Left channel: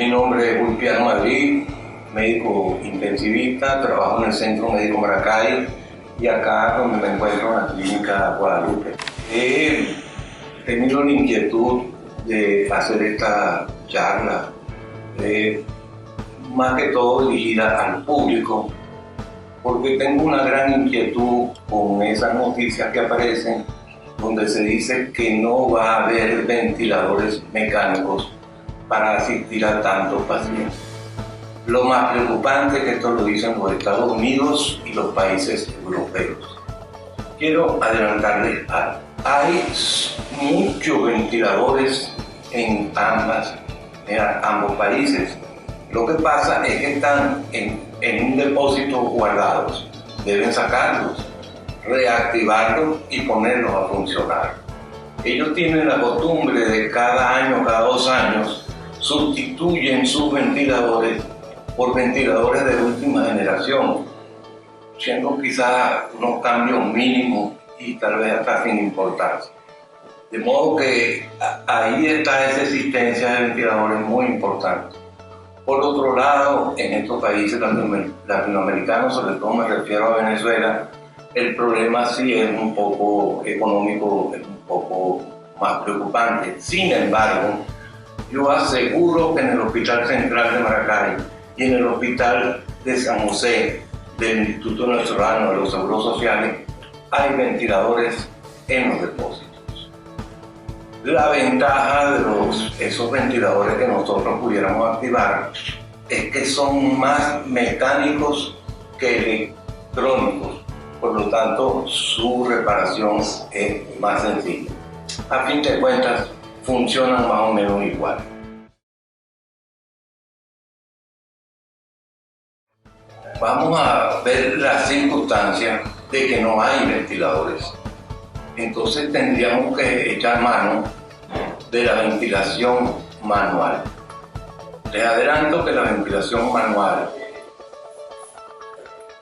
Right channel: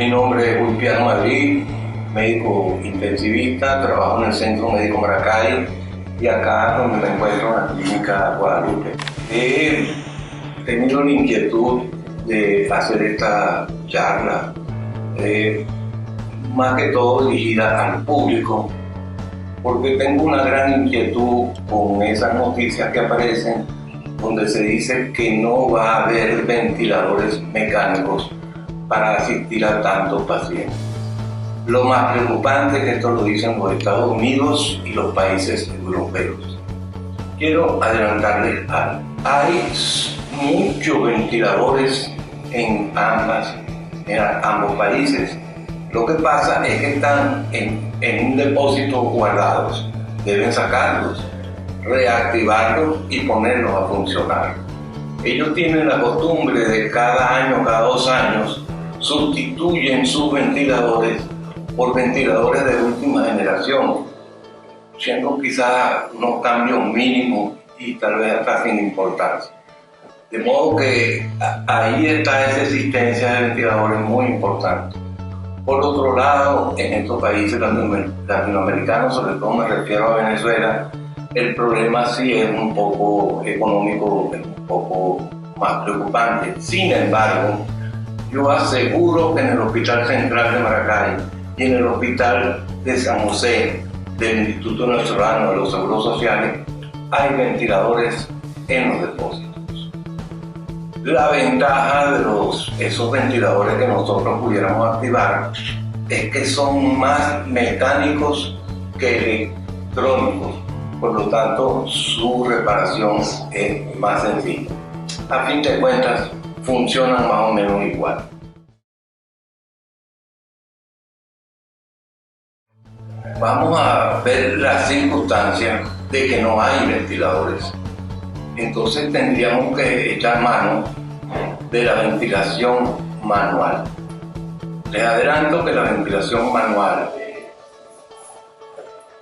Mi nombre es Wilpiano Madrid, médico intensivista, trabajo en el Centro Médico Maracay y acá donde me encuentro en la Clínica Guadalupe. He tenido la inquietud de hacer esta charla, más que todo dirigida al público, porque tengo una gran inquietud con esas noticias que aparecen donde se dice que no va a haber ventiladores mecánicos para asistir a tantos pacientes. Lo más preocupante es que esto lo dicen los Estados Unidos y los países europeos. Quiero adelantarles algo. Hay muchos ventiladores en ambos países. Lo que pasa es que están en un depósito guardados. Deben sacarlos, reactivarlos y ponerlos a funcionar. Ellos tienen la costumbre de cada año, cada 2 años, sustituyen sus ventiladores por ventiladores de última generación, siendo quizás unos cambios mínimos y tal vez hasta sin importancia. De modo que ahí está esa existencia de ventiladores muy importante. Por otro lado, en estos países latinoamericanos, sobre todo me refiero a Venezuela, el problema sí es un poco económico, es un poco más preocupante. Sin embargo, yo aseguro que en el Hospital Central de Maracay y en el Hospital de San José del Instituto Nacional de los Seguros Sociales hay ventiladores en los depósitos. La ventaja de esos ventiladores que nosotros pudiéramos activar es que son más mecánicos que electrónicos, por lo tanto su reparación es más sencilla. A fin de cuentas, funcionan más o menos igual. Vamos a ver las circunstancias de que no hay ventiladores. Entonces tendríamos que echar mano de la ventilación manual. Les adelanto que la ventilación manual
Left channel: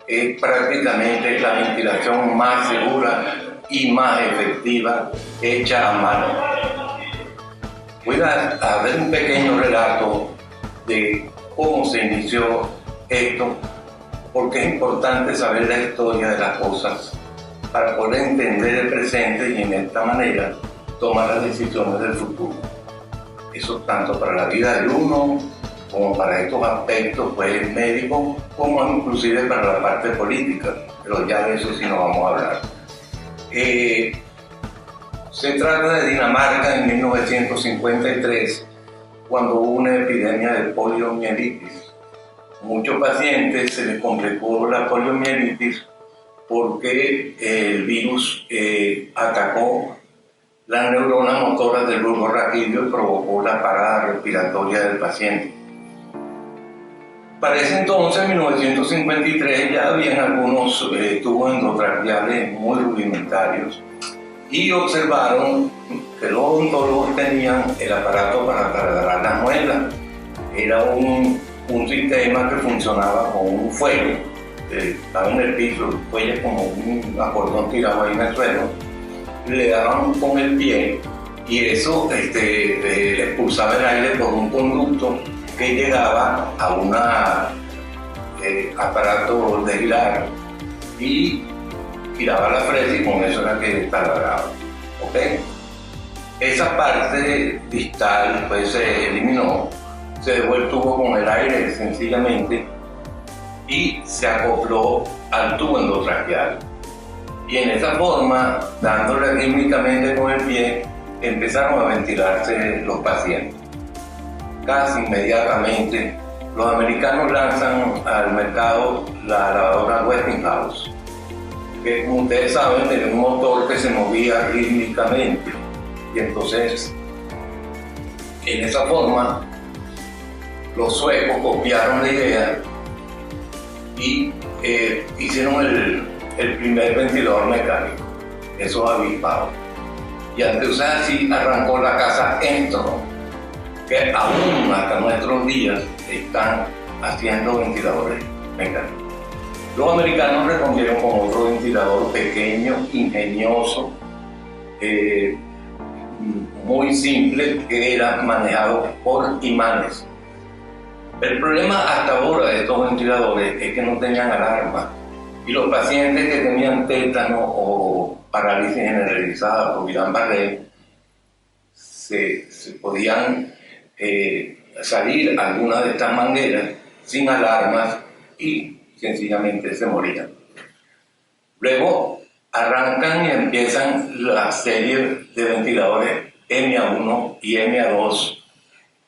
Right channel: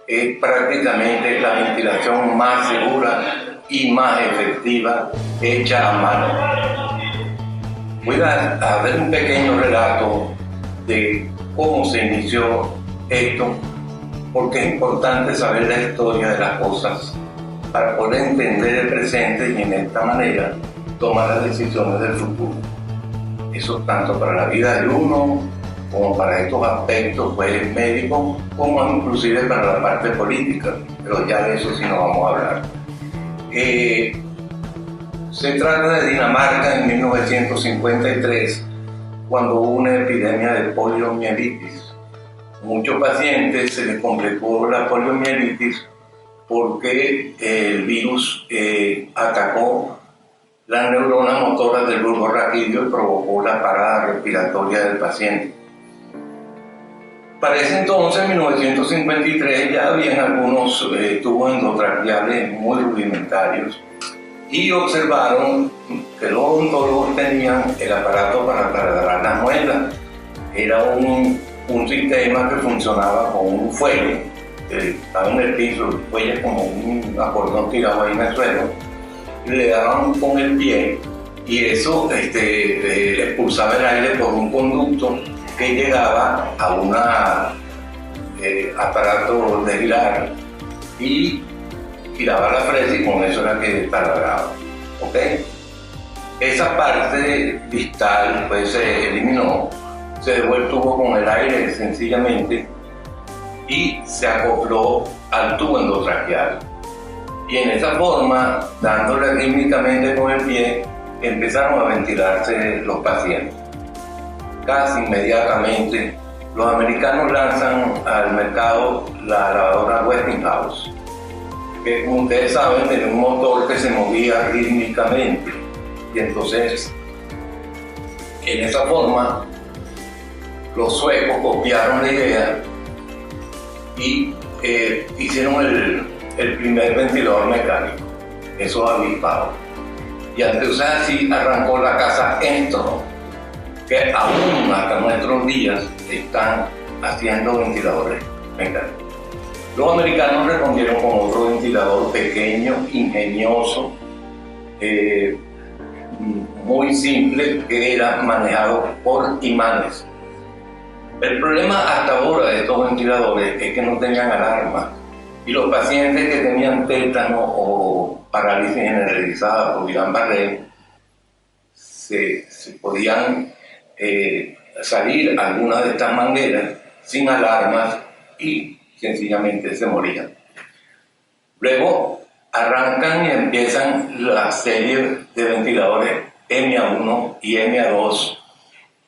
es prácticamente la ventilación más segura y más efectiva hecha a mano. Voy a ver un pequeño relato de cómo se inició esto, porque es importante saber la historia de las cosas para poder entender el presente y en esta manera tomar las decisiones del futuro. Eso tanto para la vida de uno como para estos aspectos pues, médicos, como inclusive para la parte política, pero ya de eso sí no vamos a hablar. Se trata de Dinamarca en 1953, cuando hubo una epidemia de poliomielitis. Muchos pacientes se les complicó la poliomielitis porque el virus atacó las neuronas motoras del bulbo raquídeo y provocó la parada respiratoria del paciente. Para ese entonces, en 1953, ya habían algunos tubos endotraqueales muy rudimentarios y observaron que los odontólogos tenían el aparato para taladrar las muelas. Era un sistema que funcionaba con un fuelle, estaba en el piso, el fuelle es como un acordón tirado ahí en el suelo, le daban con el pie y eso expulsaba el aire por un conducto que llegaba a un aparato de girar y giraba la fresa y con eso era que taladraba. ¿Okay? Esa parte distal pues se eliminó, se dejó el tubo con el aire sencillamente y se acopló al tubo endotraqueal. Y en esa forma, dándole rítmicamente con el pie, empezaron a ventilarse los pacientes. Casi inmediatamente, los americanos lanzan al mercado la lavadora Westinghouse, que como ustedes saben tenía un motor que se movía rítmicamente. Y entonces, en esa forma, los suecos copiaron la idea y hicieron el primer ventilador mecánico, esos avispados. Y entonces así arrancó la casa Enstrom, que aún hasta nuestros días están haciendo ventiladores mecánicos. Los americanos respondieron con otro ventilador pequeño, ingenioso, muy simple, que era manejado por imanes. El problema hasta ahora de estos ventiladores es que no tenían alarma y los pacientes que tenían tétano o parálisis generalizada por Guillain-Barré se podían salir algunas de estas mangueras sin alarmas y sencillamente se morían. Luego arrancan y empiezan la serie de ventiladores MA1 y MA2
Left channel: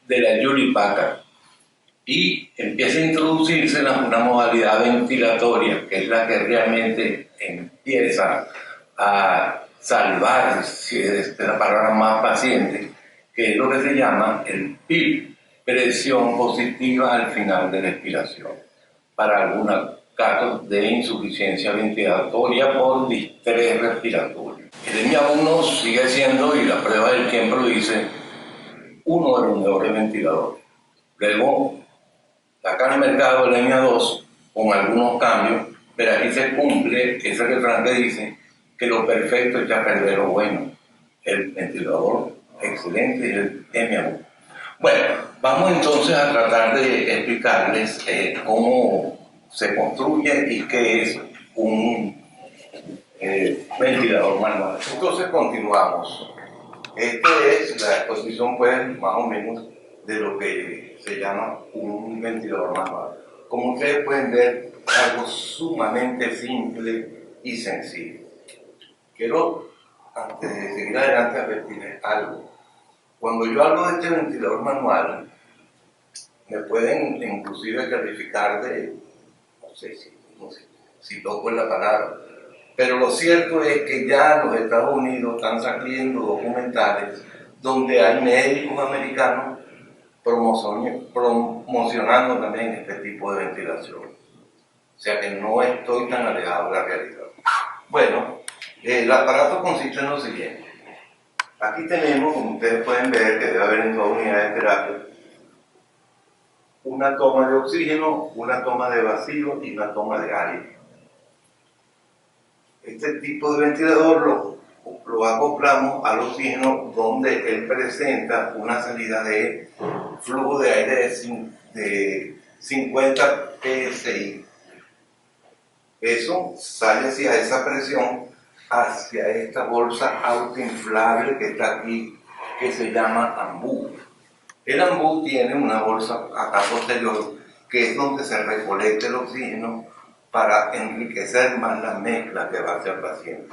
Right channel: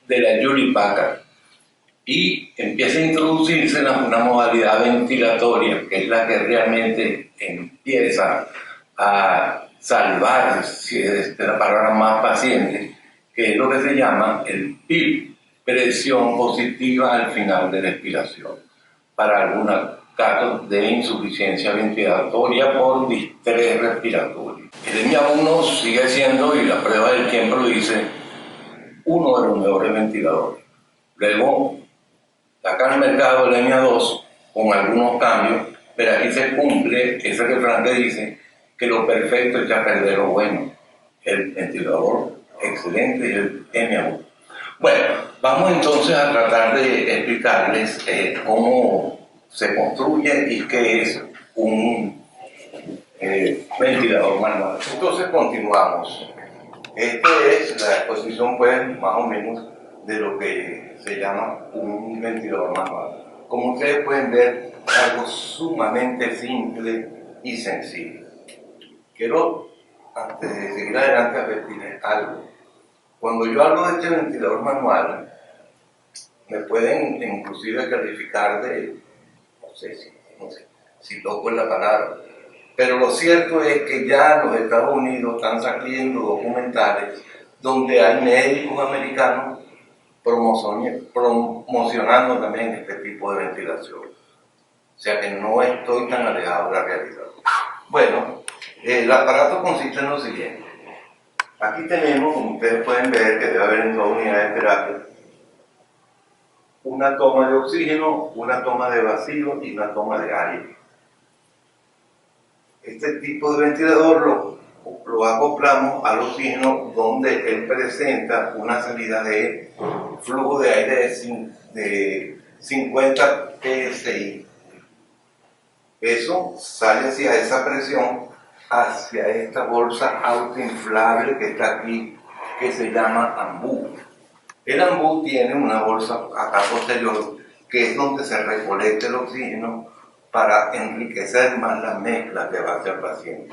de la Hewlett-Packard y empieza a introducirse una modalidad ventilatoria que es la que realmente empieza a salvar, si es la palabra más paciente, que es lo que se llama el PIP, presión positiva al final de la expiración, para algunos casos de insuficiencia ventilatoria por distrés respiratorio. El MA1 sigue siendo, y la prueba del tiempo lo dice, uno de los mejores ventiladores. Luego sacan al mercado el MA2 con algunos cambios, pero aquí se cumple ese refrán que dice que lo perfecto echa a perder lo bueno. El ventilador excelente y el MA1. Bueno, vamos entonces a tratar de explicarles cómo se construye y qué es un ventilador manual. Entonces continuamos. Esta es la exposición, pues, más o menos de lo que se llama un ventilador manual. Como ustedes pueden ver, es algo sumamente simple y sencillo. Quiero, antes de seguir adelante, advertirles algo. Cuando yo hablo de este ventilador manual, me pueden inclusive calificar de, no sé si loco es la palabra, pero lo cierto es que ya en los Estados Unidos están saliendo documentales donde hay médicos americanos promocionando también este tipo de ventilación. O sea que no estoy tan alejado de la realidad. Bueno, el aparato consiste en lo siguiente. Aquí tenemos, como ustedes pueden ver, que debe haber en toda unidad de terapia, una toma de oxígeno, una toma de vacío y una toma de aire. Este tipo de ventilador lo acoplamos al oxígeno, donde él presenta una salida de flujo de aire de 50 psi. Eso sale hacia esa presión, hacia esta bolsa autoinflable que está aquí, que se llama ambú. El ambú tiene una bolsa acá posterior, que es donde se recolecta el oxígeno para enriquecer más la mezcla que va hacia el paciente.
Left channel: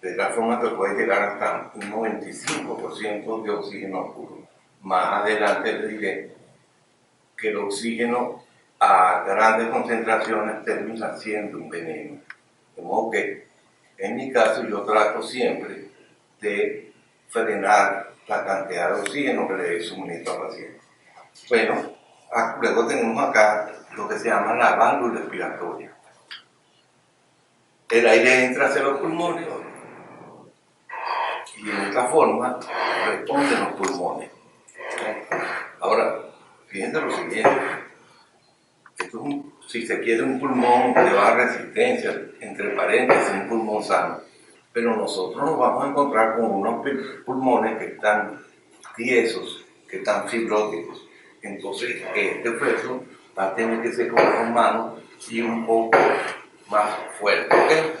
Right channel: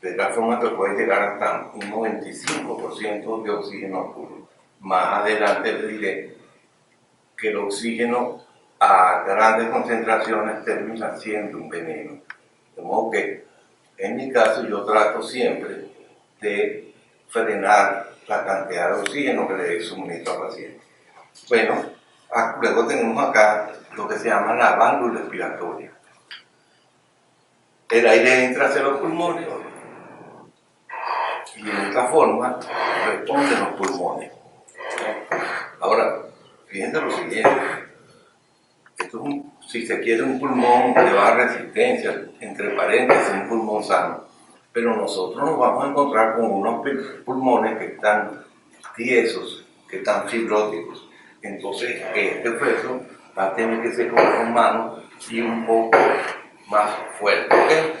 De tal forma que puede llegar hasta un 95% de oxígeno puro. Más adelante les diré que el oxígeno a grandes concentraciones termina siendo un veneno. De modo que, en mi caso, yo trato siempre de frenar la cantidad de oxígeno que le suministro al paciente. Bueno, luego tenemos acá lo que se llama la válvula respiratoria. El aire entra hacia los pulmones y en esta forma responden los pulmones. Ahora, fíjense lo siguiente. Esto es si se quiere, un pulmón de baja resistencia, entre paréntesis, un pulmón sano. Pero nosotros nos vamos a encontrar con unos pulmones que están tiesos, que están fibróticos. Entonces, este esfuerzo va a tener que ser con manos y un poco más fuerte. ¿Okay?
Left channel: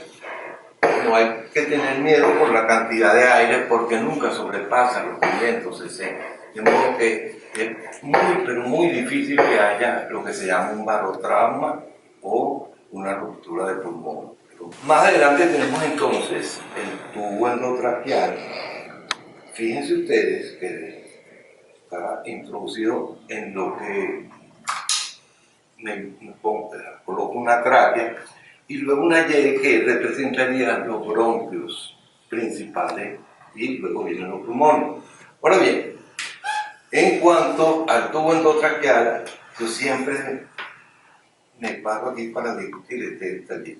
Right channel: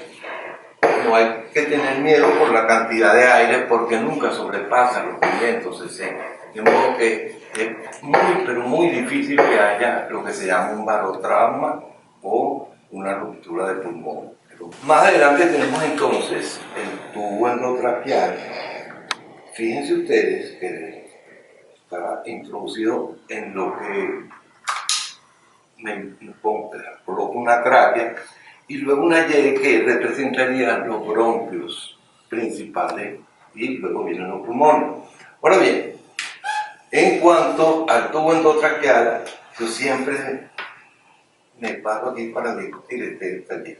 No hay que tener miedo por la cantidad de aire porque nunca sobrepasa los 500 cc. De modo que es muy, pero muy difícil que haya lo que se llama un barotrauma o una ruptura de pulmón. Pero más adelante tenemos entonces el tubo endotraqueal. Fíjense ustedes que está introducido en lo que coloco una tráquea y luego una Y que representaría los bronquios principales y luego vienen los pulmones. Ahora bien, en cuanto al tubo endotraqueal, yo siempre me paro aquí para discutir este detalle.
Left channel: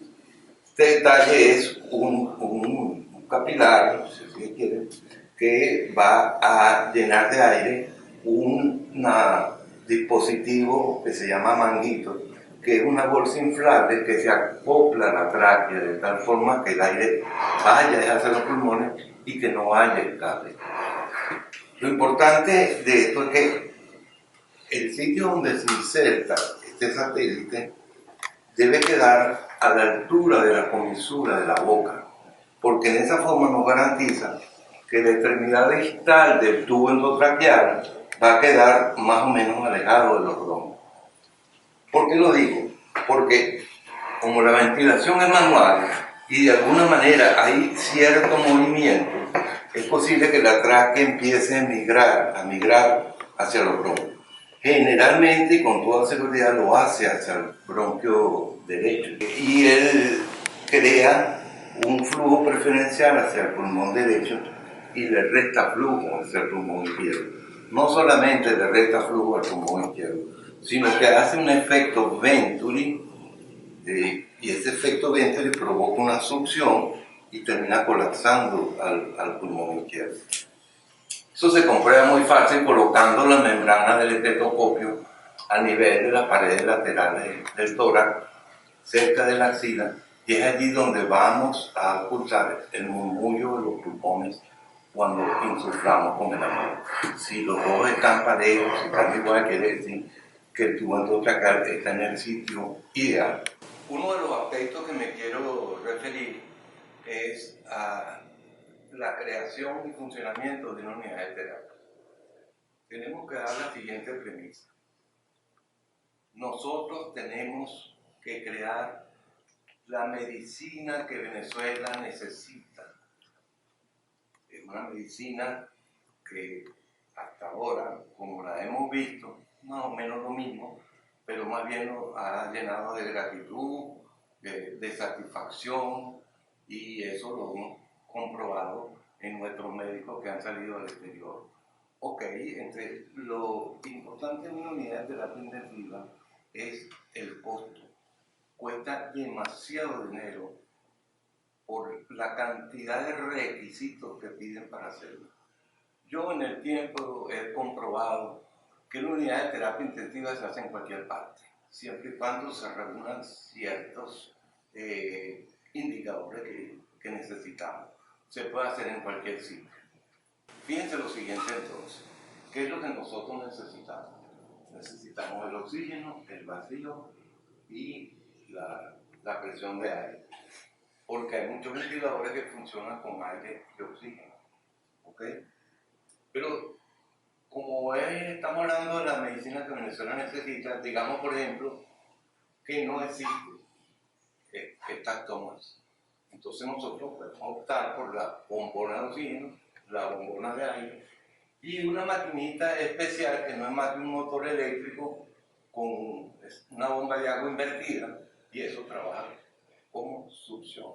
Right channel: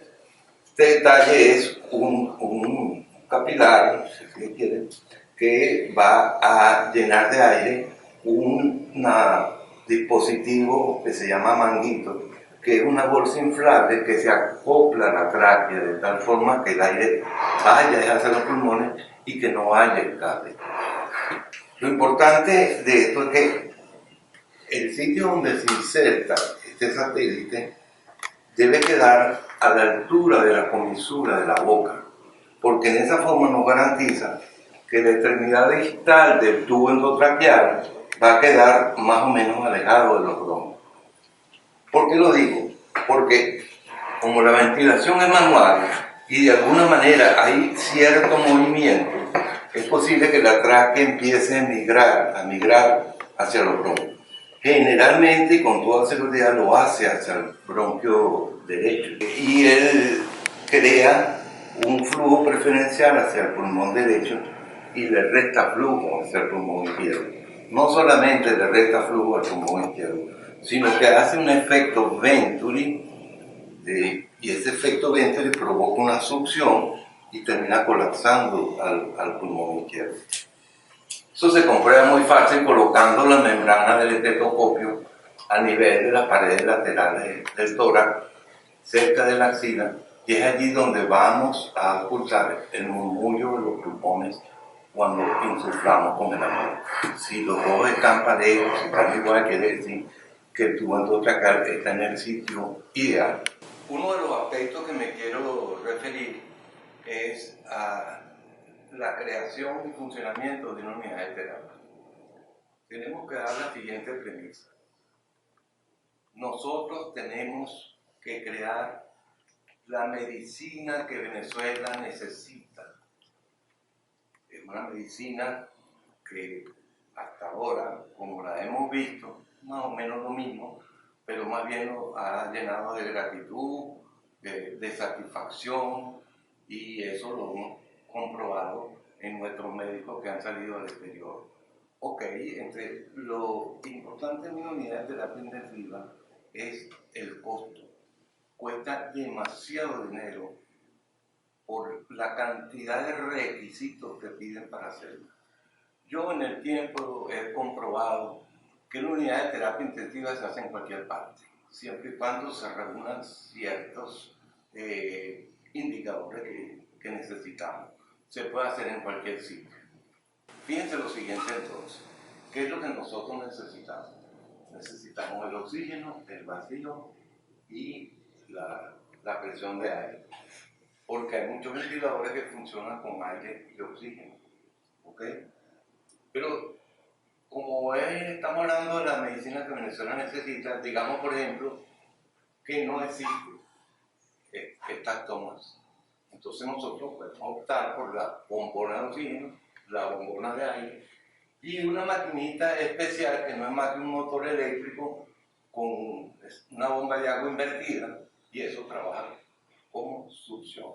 Este detalle es un capilar, si se quiere, que va a llenar de aire un dispositivo que se llama manguito, que es una bolsa inflable que se acopla a la tráquea de tal forma que el aire vaya hacia los pulmones y que no haya escape. Lo importante de esto es que el sitio donde se inserta este satélite debe quedar a la altura de la comisura de la boca, porque en esa forma nos garantiza que la extremidad distal del tubo endotraqueal va a quedar más o menos alejado de los bronquios. ¿Por qué lo digo? Porque como la ventilación es manual y de alguna manera hay cierto movimiento, es posible que la tráquea empiece a migrar hacia los bronquios. Generalmente y con toda seguridad lo hace hacia el bronquio derecho. Y él crea un flujo preferencial hacia el pulmón derecho y le resta flujo hacia el pulmón izquierdo. No solamente le resta flujo al pulmón izquierdo, sino que hace un efecto Venturi, y ese efecto Venturi provoca una succión y termina colapsando al pulmón izquierdo. Eso se comprueba muy fácil colocando la membrana del estetoscopio a nivel de las paredes laterales del tórax, cerca de la axila, y es allí donde vamos a ocultar el murmullo de los pulmones cuando insuflamos con el amor. Si los dos están parejos, si están igual, quiere decir que el tubo endotraqueal está en el sitio ideal. Uno de los aspectos que me quiero referir es a la creación y funcionamiento de una unidad de terapia. Tenemos que dar la siguiente premisa. Nosotros tenemos que crear la medicina que Venezuela necesita. Es una medicina que hasta ahora, como la hemos visto, más o menos lo mismo, pero más bien nos ha llenado de gratitud, de satisfacción, y eso lo hemos comprobado en nuestros médicos que han salido al exterior. Ok, entre lo importante en una unidad de terapia intensiva es el costo. Cuesta demasiado dinero por la cantidad de requisitos que piden para hacerlo. Yo en el tiempo he comprobado que la unidad de terapia intensiva se hace en cualquier parte, siempre y cuando se reúnan ciertos indicadores que necesitamos. Se puede hacer en cualquier sitio. Fíjense lo siguiente entonces, ¿qué es lo que nosotros necesitamos? Necesitamos el oxígeno, el vacío y la presión de aire, porque hay muchos ventiladores que funcionan con aire y oxígeno, ¿ok? Pero como estamos hablando de la medicina que Venezuela necesita, digamos por ejemplo que no existe estas tomas. Entonces nosotros podemos optar por la bombona de oxígeno, la bombona de aire y una maquinita especial que no es más que un motor eléctrico con una bomba de agua invertida, y eso trabaja como succión.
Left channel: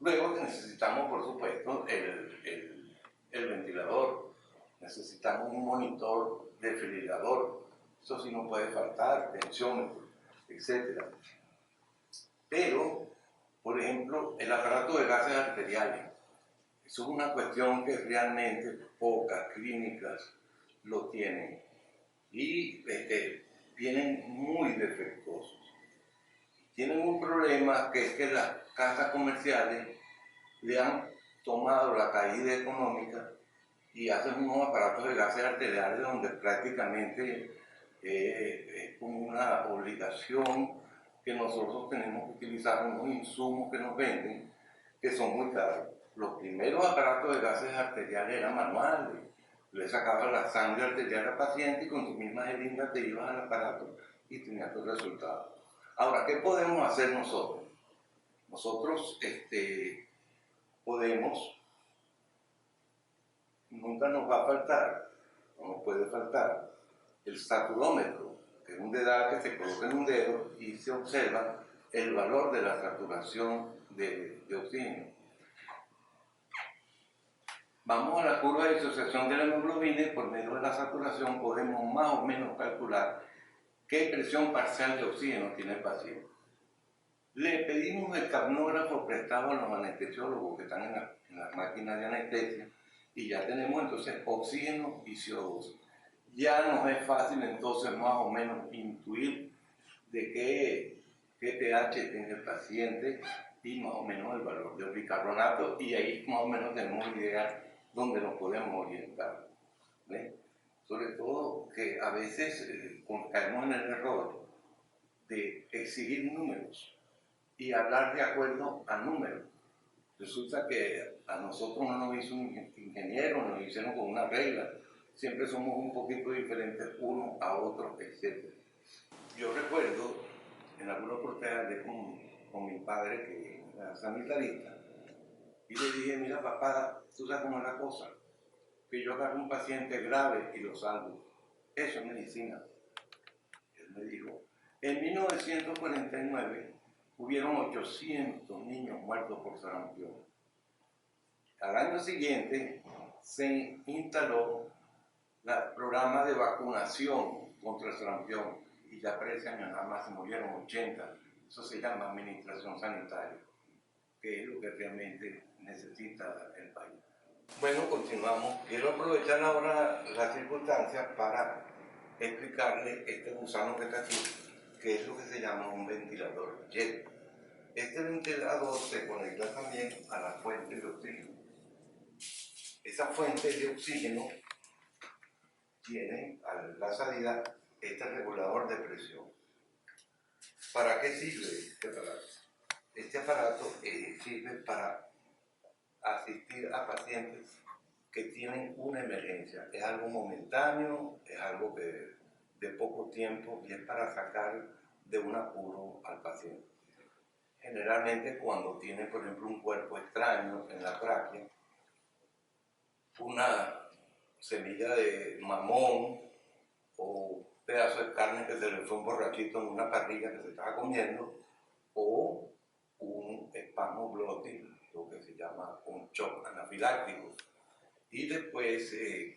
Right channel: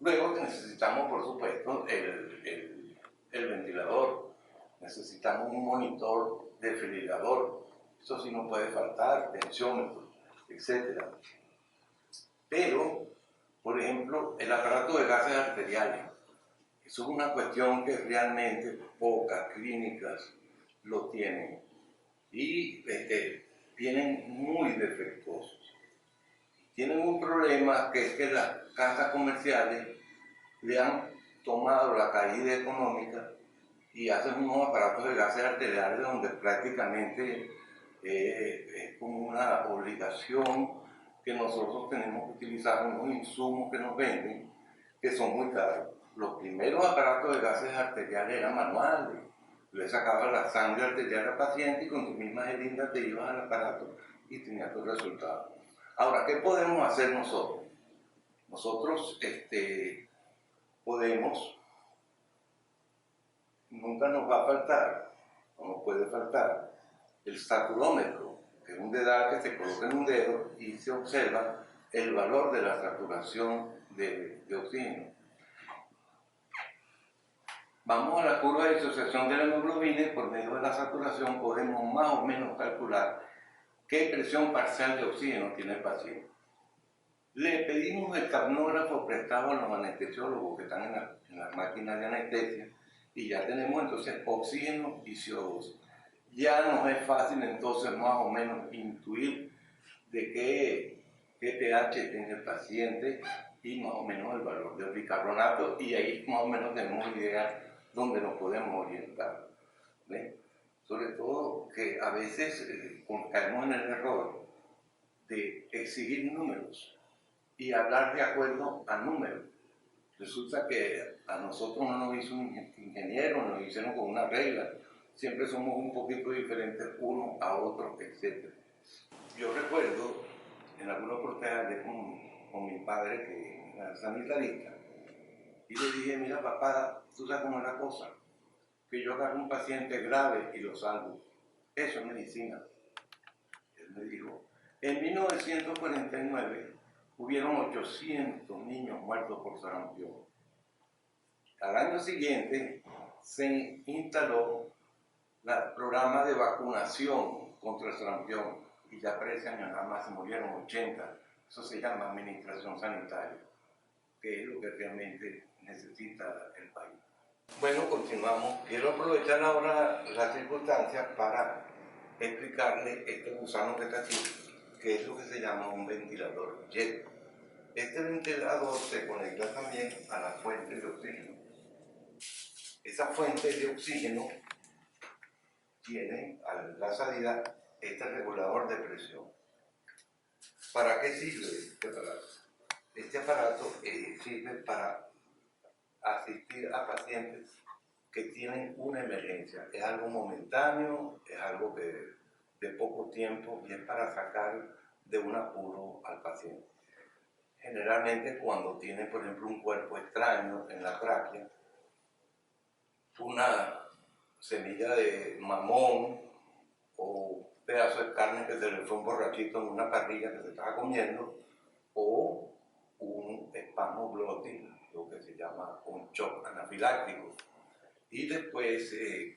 Luego necesitamos, por supuesto, el ventilador. Necesitamos un monitor desfibrilador. Eso sí no puede faltar, tensiómetro, etc. Pero, por ejemplo, el aparato de gases arteriales. Eso es una cuestión que realmente pocas clínicas lo tienen. Y vienen muy defectuosos. Tienen un problema, que es que las casas comerciales le han tomado la caída económica y hacen unos aparatos de gases arteriales donde prácticamente es como una obligación que nosotros tenemos que utilizar unos insumos que nos venden, que son muy caros. Los primeros aparatos de gases arteriales eran manuales. Le sacabas la sangre arterial al paciente y con tu misma jeringa te ibas al aparato y tenías tu resultado. Ahora, ¿qué podemos hacer nosotros? Nosotros podemos, nunca nos va a faltar, no nos puede faltar, el saturómetro, que es un dedal que se coloca en un dedo y se observa el valor de la saturación de oxígeno. Vamos a la curva de disociación de la hemoglobina y por medio de la saturación podemos más o menos calcular qué presión parcial de oxígeno tiene el paciente. Le pedimos el capnógrafo prestado a los anestesiólogos que están en las máquinas de anestesia y ya tenemos entonces oxígeno y CO2. Ya nos es fácil entonces más o menos intuir de qué pH tiene el paciente y más o menos el valor del bicarbonato, y ahí más o menos tenemos una idea donde nos podemos orientar. ¿Ve? Sobre todo que a veces caemos en el error de exigir números y hablar de acuerdo a números. Resulta que a nosotros no nos hizo un ingeniero, nos hicieron con una regla. Siempre somos un poquito diferentes uno a otro, etc. Yo recuerdo, en alguna oportunidad con mi padre, que era sanitarista, y le dije, mira papá, tú sabes cómo es la cosa, que yo agarro un paciente grave y lo salvo. Eso es medicina. Él me dijo, en 1949 hubieron 800 niños muertos por sarampión. Al año siguiente se instaló el programa de vacunación contra el sarampión y ya para ese año nada más se murieron 80. Eso se llama administración sanitaria, que es lo que realmente necesita el país. Bueno, continuamos. Quiero aprovechar ahora las circunstancias para explicarle este gusano que está aquí, que es lo que se llama un ventilador jet. Este ventilador se conecta también a la fuente de oxígeno. Esa fuente de oxígeno tiene a la salida este regulador de presión. ¿Para qué sirve este aparato? Este aparato sirve para asistir a pacientes que tienen una emergencia. Es algo momentáneo, es algo de poco tiempo y es para sacar de un apuro al paciente. Generalmente cuando tiene, por ejemplo, un cuerpo extraño en la tráquea, una semilla de mamón o un pedazo de carne que se le fue un borrachito en una parrilla que se estaba comiendo, o un espasmo glótil, lo que se llama un shock anafiláctico. Y después,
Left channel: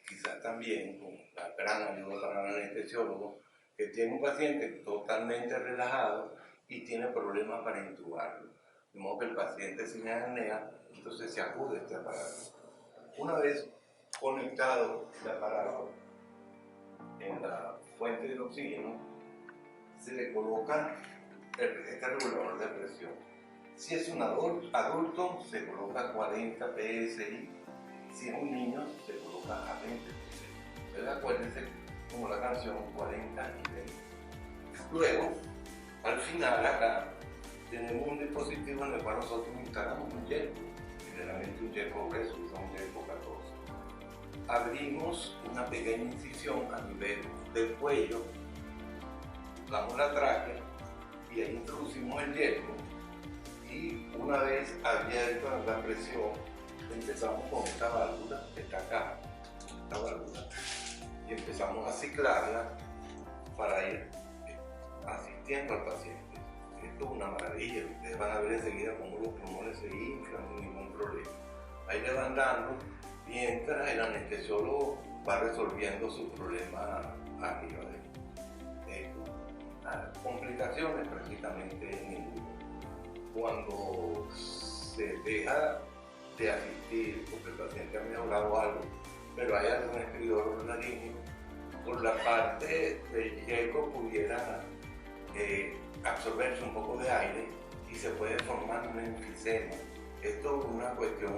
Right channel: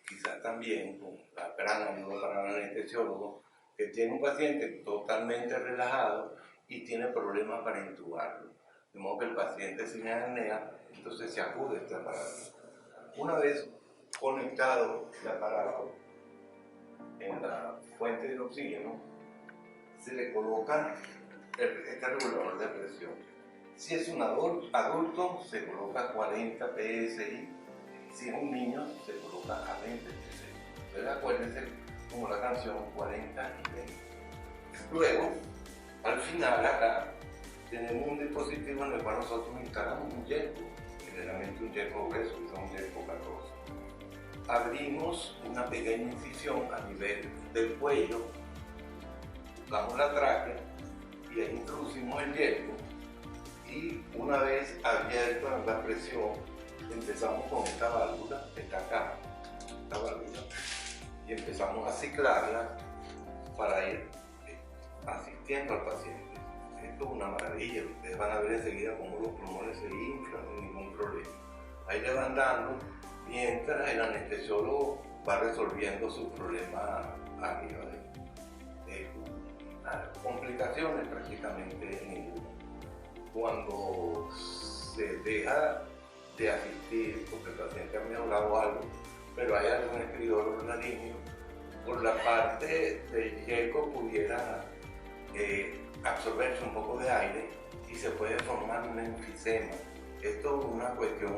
quizás también, con la gran ayuda para el anestesiólogo, que tiene un paciente totalmente relajado y tiene problemas para intubarlo. De modo que el paciente sin apnea, entonces se acude a este aparato. Una vez conectado el aparato en la fuente de oxígeno, se le coloca este regulador de presión. Si es un adulto, se coloca 40 PSI. Si es un niño, se coloca a 20 PSI. Entonces acuérdense, como la canción, 40 y 20. Luego, al final acá, tenemos un dispositivo en el cual nosotros instalamos un yerco, generalmente un yerco grueso, que es un yerco 14. Abrimos una pequeña incisión a nivel del cuello, damos la tráquea y ahí introducimos el yerco, y una vez abierta la presión empezamos con esta válvula que está acá, esta válvula, y empezamos a ciclarla para ir asistiendo al paciente. Esto es una maravilla, ustedes van a ver enseguida cómo los pulmones se inflan sin ningún problema. Ahí le van dando mientras el anestesiólogo va resolviendo su problema arriba de complicaciones prácticamente ninguna. Cuando se deja de asistir, porque el paciente ha mejorado algo, pero hay algún escritor laringio, por la parte del yerco pudiera absorberse un poco de aire y se puede formar un enfisema. Esto es una cuestión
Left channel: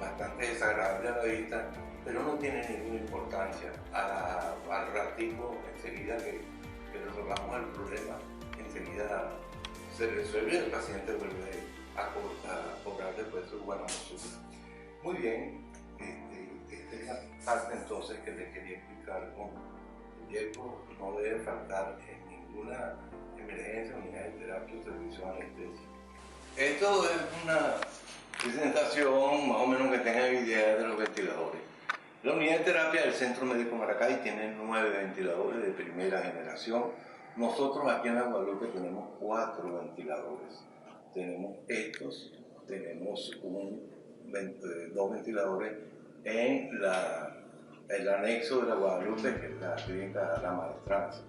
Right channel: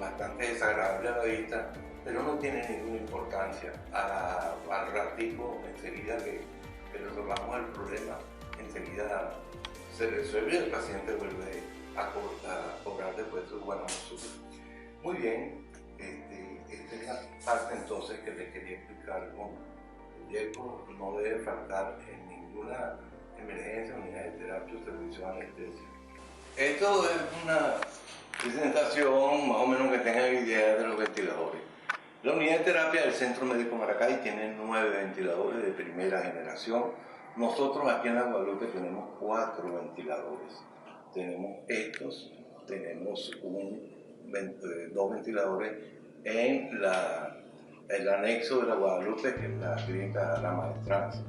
bastante desagradable a la vista, pero no tiene ninguna importancia. Al ratico, enseguida que resolvamos el problema, enseguida se resuelve y el paciente vuelve a cobrar después su buena consulta. Muy bien, esta es la parte entonces que les quería explicar. El yerco no debe faltar en ninguna emergencia, unidad de terapia o servicio de anestesia. Esto es una presentación más o menos que tengan idea de los ventiladores. La unidad de terapia del Centro Médico Maracay tiene 9 ventiladores de primera generación. Nosotros aquí en la Guadalupe tenemos 4 ventiladores. Tenemos estos, tenemos 2 ventiladores en el anexo de la Guadalupe, que es la clínica La Maestranza.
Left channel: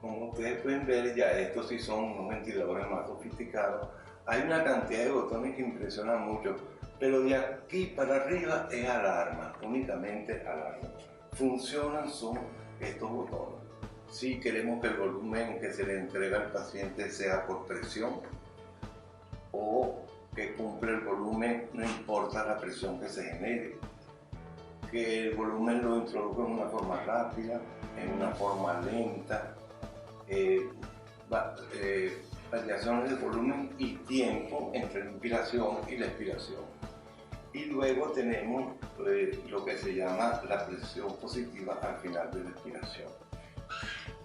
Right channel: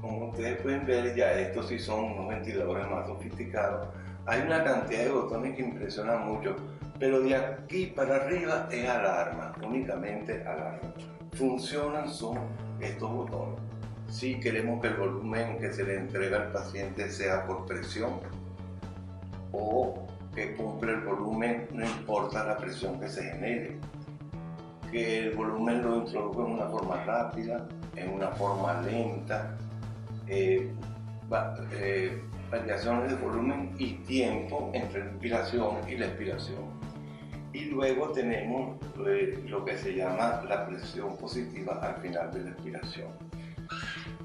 Como ustedes pueden ver, ya estos sí son unos ventiladores más sofisticados. Hay una cantidad de botones que impresionan mucho, pero de aquí para arriba es alarma, únicamente alarma. Funcionan son estos botones. Si queremos que el volumen que se le entrega al paciente sea por presión o que cumple el volumen, no importa la presión que se genere. que el volumen lo introduzco en una forma rápida, en una forma lenta, variaciones de volumen y tiempo entre la inspiración y la expiración. Y luego tenemos lo que se llama la presión positiva al final de la expiración.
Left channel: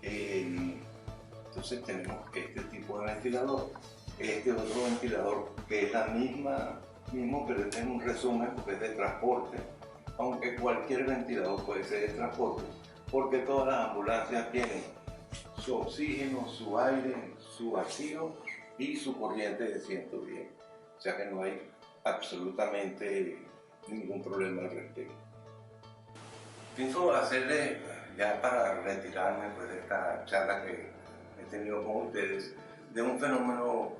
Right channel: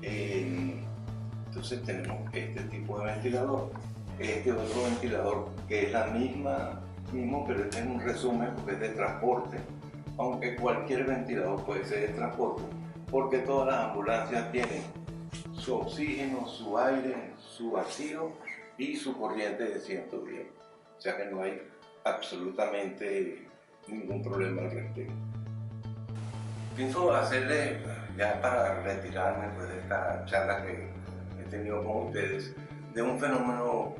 Entonces tenemos este tipo de ventilador, este otro ventilador que es la mismo, pero este es un resumen porque es de transporte, aunque cualquier ventilador puede ser de transporte, porque todas las ambulancias tienen su oxígeno, su aire, su vacío y su corriente de 110. O sea que no hay absolutamente ningún problema al respecto. Pienso hacerle, ya para retirarme de esta charla que he tenido con ustedes, de un fenómeno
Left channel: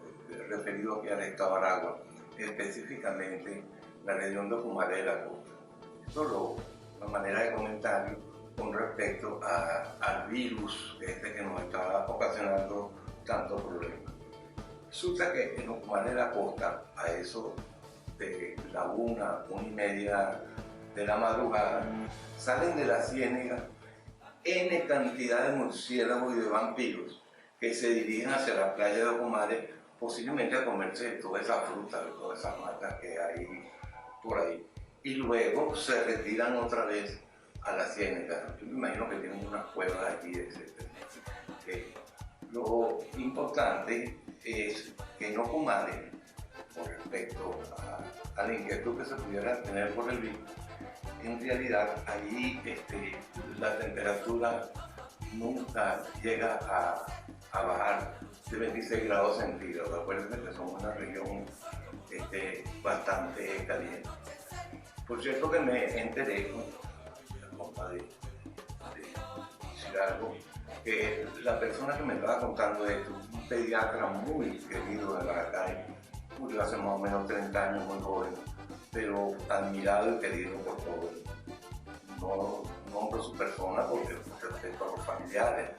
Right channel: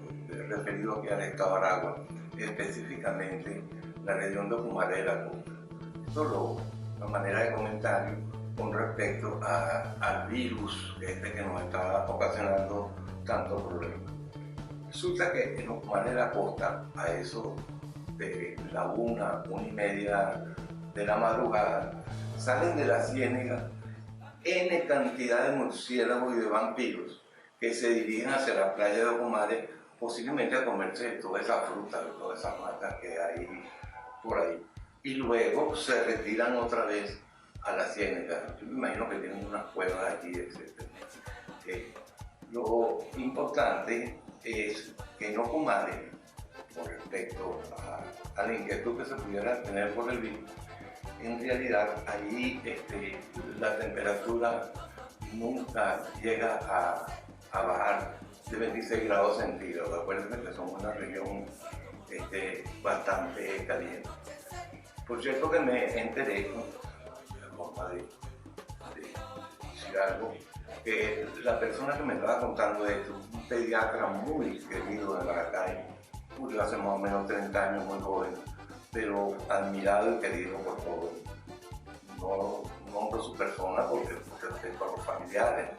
referido aquí al estado de Aragua, específicamente la región de Ocumare de la Costa. Esto una manera de comentario con respecto al virus que nos está ocasionando tantos problemas. Resulta que en Ocumare de la Costa, a eso de la 1:30 de la madrugada, salen de la ciénaga N cantidad de murciélagos y de vampiros que se dirigen hacia la playa de Ocumare, posiblemente a comerse toda esa fruta, de todas esas matas que hay por ahí. Y luego se retiran otra vez a la ciénaga. Yo me imagino que tienen unas cuevas allí, etc. Lo importante es que en Ocumare, con respecto a la inquietud que se pudiera tener por el virus, en realidad allí la temperatura nunca llega a bajar de 26 grados centígrados. Acuérdense que somos una región bastante caliente. Por cierto que me enteré, de decir algo, que la persona que me estaba contando esto, un pediatra muy querido de Maracay, murió hace más o menos 30 años, muy joven, pero admirado y querido por todos. No nombro su persona porque respeto a los familiares.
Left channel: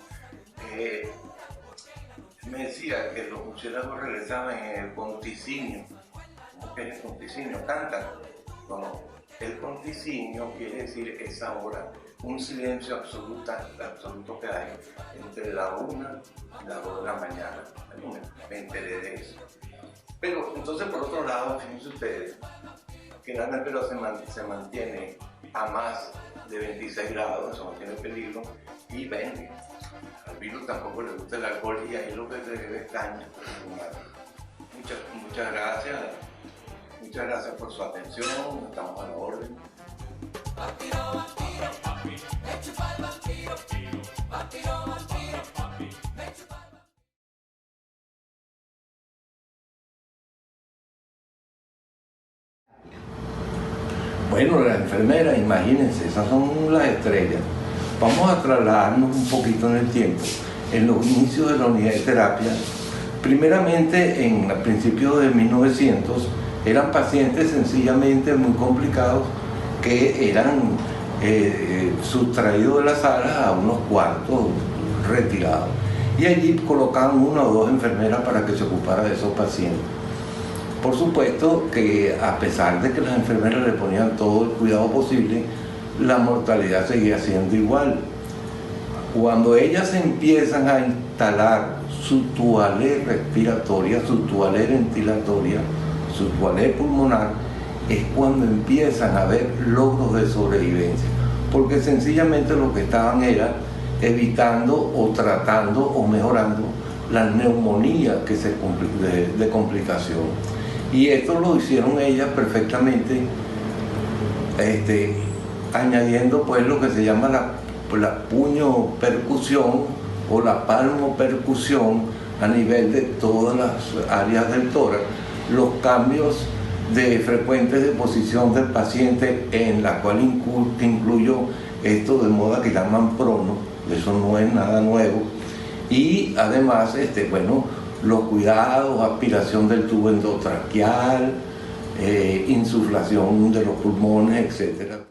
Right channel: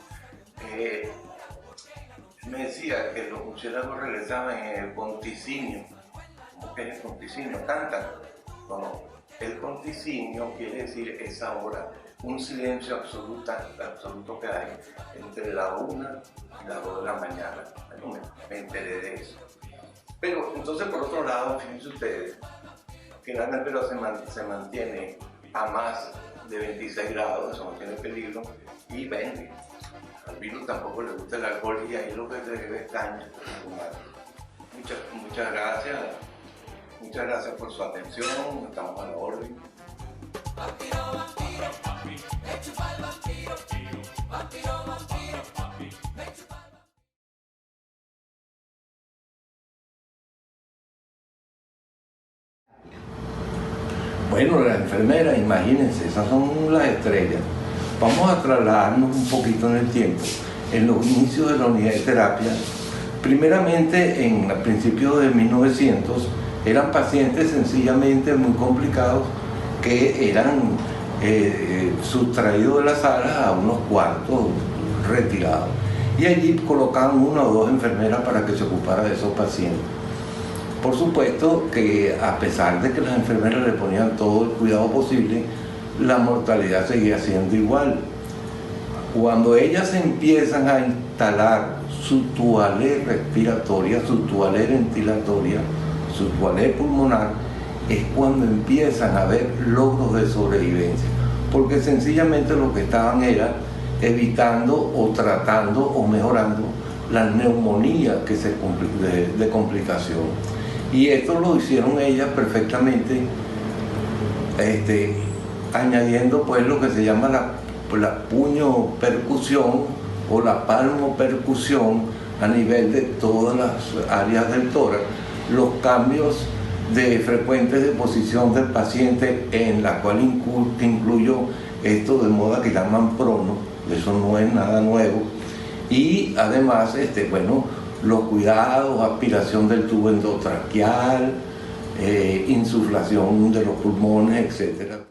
Me decía que los murciélagos regresaban en el ponticinio. ¿Cómo que es el ponticinio? ¿Cantan? No. El ponticinio quiere decir esa hora, un silencio absoluto que hay entre la 1 y las 2 de la mañana. Me enteré de eso. Pero entonces, por otro lado, fíjense ustedes que la temperatura se mantiene a más de 26 grados, eso no tiene peligro, y vende. Al virus tampoco le gusta el alcohol y ahí lo que se debe es caña. Muchas gracias. Muchas gracias por su atención, estamos a la orden. Bueno, las enfermeras, imagínense, esas son las estrellas. Vamos a trasladarnos un poquito en el tiempo. En los inicios de la unidad de terapia, primeramente en principios de 1900, eran pacientes sencillamente muy complicados que eran sustraídos de las salas a unos cuartos retirados. Y allí colocaban 1 o 2 enfermeras para que se ocupara de esos pacientes. Por supuesto que a pesar de que las enfermeras le ponían todo el cuidado posible, la mortalidad seguía siendo igual. Cuando ellas empiezan a instalar su toalé respiratoria, su toalé ventilatoria, su toalé pulmonar, es cuando empiezan a haber logros de sobrevivencia, porque sencillamente lo que estaban era evitando o tratando o mejorando la neumonía que de complicación. Y esto lo hicieron ellas perfectamente, añadiendo pues lo que se llama la puño percusión o la palmo percusión a nivel de todas las áreas del tórax, los cambios frecuentes de posición del paciente, en la cual incluyo esto de moda que llaman prono, eso no es nada nuevo, y además los cuidados, aspiración del tubo endotraqueal, insuflación de los pulmones, etc.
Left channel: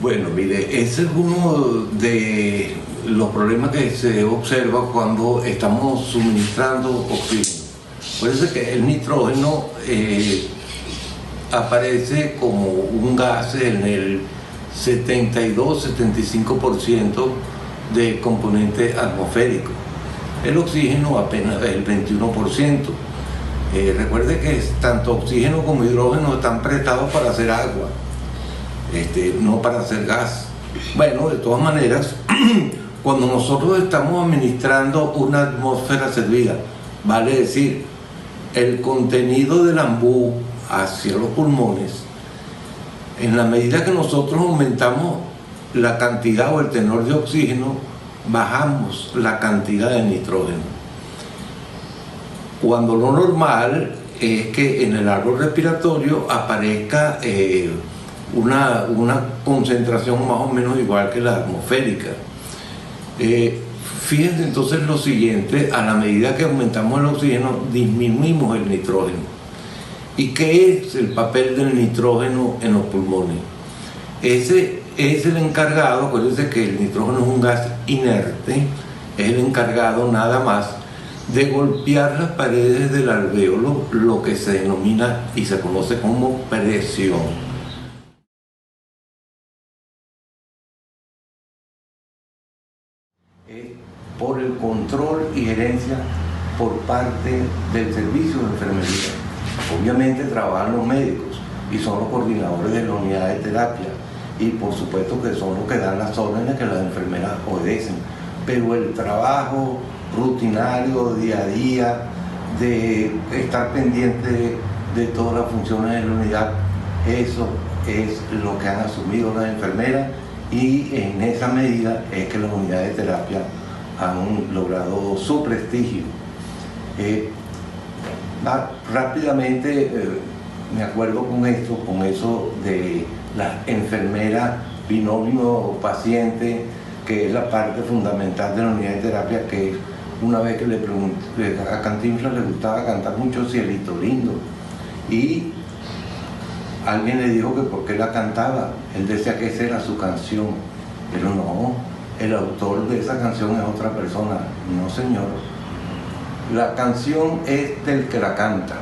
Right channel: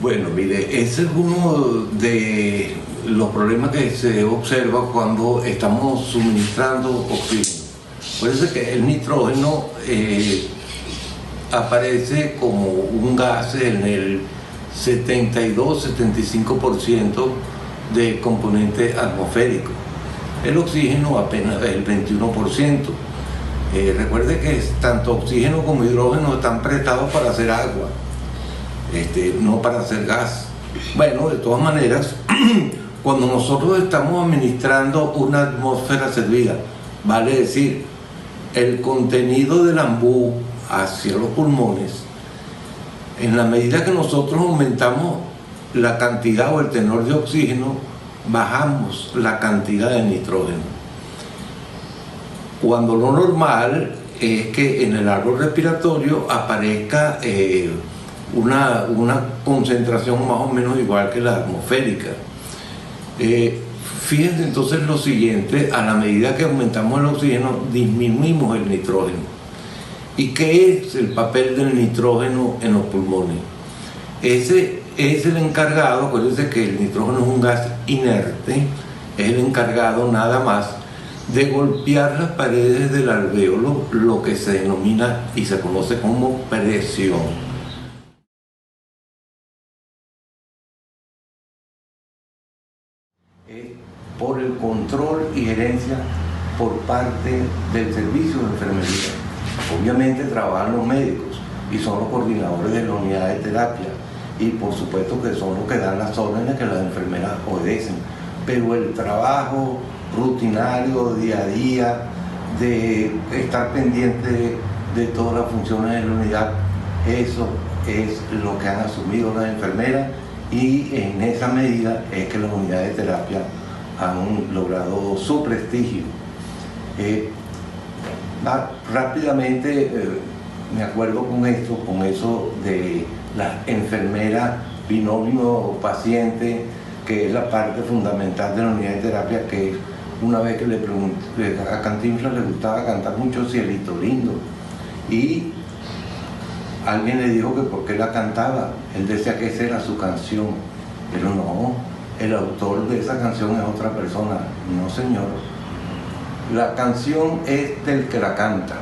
Bueno, mire, ese es uno de los problemas que se observan cuando estamos suministrando oxígeno. Puede que el nitrógeno aparece como un gas en el 72-75% de componente atmosférico. El oxígeno apenas el 21%. Recuerde que tanto oxígeno como hidrógeno están prestados para hacer agua, no para hacer gas. Bueno, de todas maneras, cuando nosotros estamos administrando una atmósfera servida, vale decir, el contenido del ambú hacia los pulmones, en la medida que nosotros aumentamos la cantidad o el tenor de oxígeno, bajamos la cantidad de nitrógeno. Cuando lo normal es que en el árbol respiratorio aparezca una concentración más o menos igual que la atmosférica. Fíjense entonces lo siguiente: a la medida que aumentamos el oxígeno, disminuimos el nitrógeno. ¿Y qué es el papel del nitrógeno en los pulmones? Ese es el encargado, acuérdense que el nitrógeno es un gas inerte, es el encargado nada más de golpear las paredes del alvéolo, lo que se denomina y se conoce como presión. Por el control y gerencia por parte del servicio de enfermería. Obviamente trabajan los médicos y son los coordinadores de la unidad de terapia, y por supuesto que son los que dan las órdenes que las enfermeras obedecen, pero el trabajo rutinario, día a día, de estar pendiente de todas las funciones de la unidad, eso es lo que han asumido las enfermeras, y en esa medida es que las unidades de terapia han logrado su prestigio. Rápidamente me acuerdo con eso de la enfermera binomio paciente, que es la parte fundamental de la unidad de terapia, que una vez que le pregunté, a Cantinflas le gustaba cantar mucho Cielito Lindo, y alguien le dijo que por qué la cantaba. Él decía que esa era su canción, pero no, el autor de esa canción es otra persona. No, señor, la canción es del que la canta.